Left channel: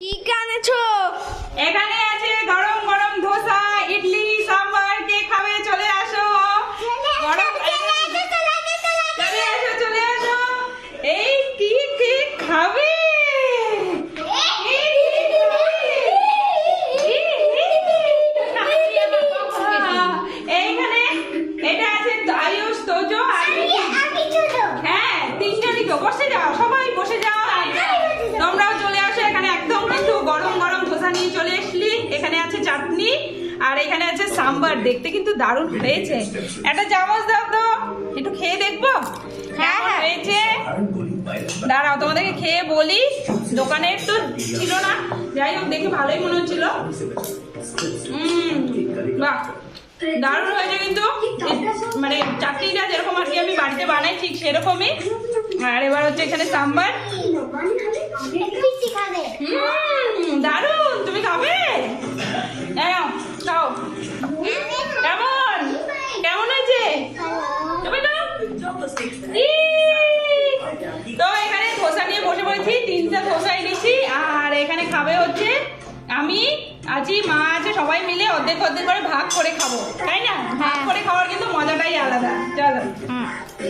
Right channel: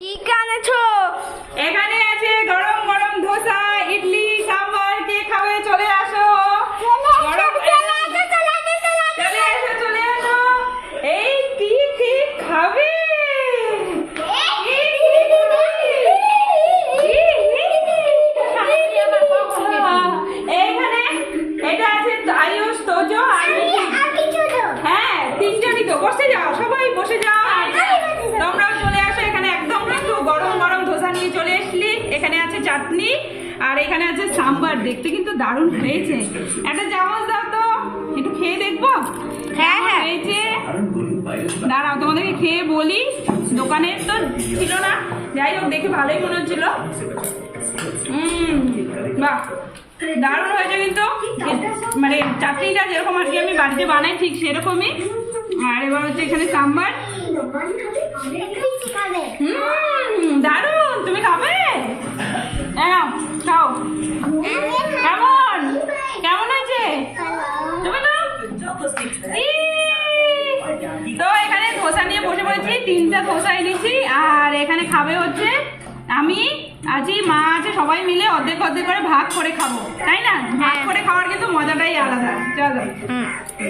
কি কানেছো এখানে আছে গরম গরম ধোসা ইডলি সাম্বার কে খাবে চলে আসো হ্যাঁ তিনটা দিকে বসে যাও সবাই বসে যাও তোমরাও চলে আসো এখানে একদম কিন্তু গরম গরম নিয়ে চলে এসলি। এখানে আছে চাটনি আর এখানে আছে সাম্বার। দেখতে কিন্তু দারুণ হয়েছে। একটা চামচ দাও তো। একটু খেয়ে দেখব? হ্যাঁ, হ্যাঁ। হয়েছে? দাঁড়াও তোমাদেরকে খেয়ে বলি। দোকানের তো ছিল না। যাই হোক দেখে ভালোই মনে হচ্ছিল। বাহ। দারুণ হয়েছে কিন্তু। মানে চাটনিটা যেরকম আর কি আমি বাড়িতে বানাই ঠিক সেরকমই। আর এবার হচ্ছে এখানে সাম্বার। হুম। তো এখানে ধোসা নিয়ে বসে পড়েছি তিনটা ধোসা এনেছি আর এখানে খাবে হচ্ছে আমি আজই মা আছে সবাই মিলে অর্ধেক অর্ধেক করে ভাগ করে খাব তাই না? ভাগ হ্যাঁ। করে খাওয়ার কিন্তু মজাটাই আলাদা। চলো।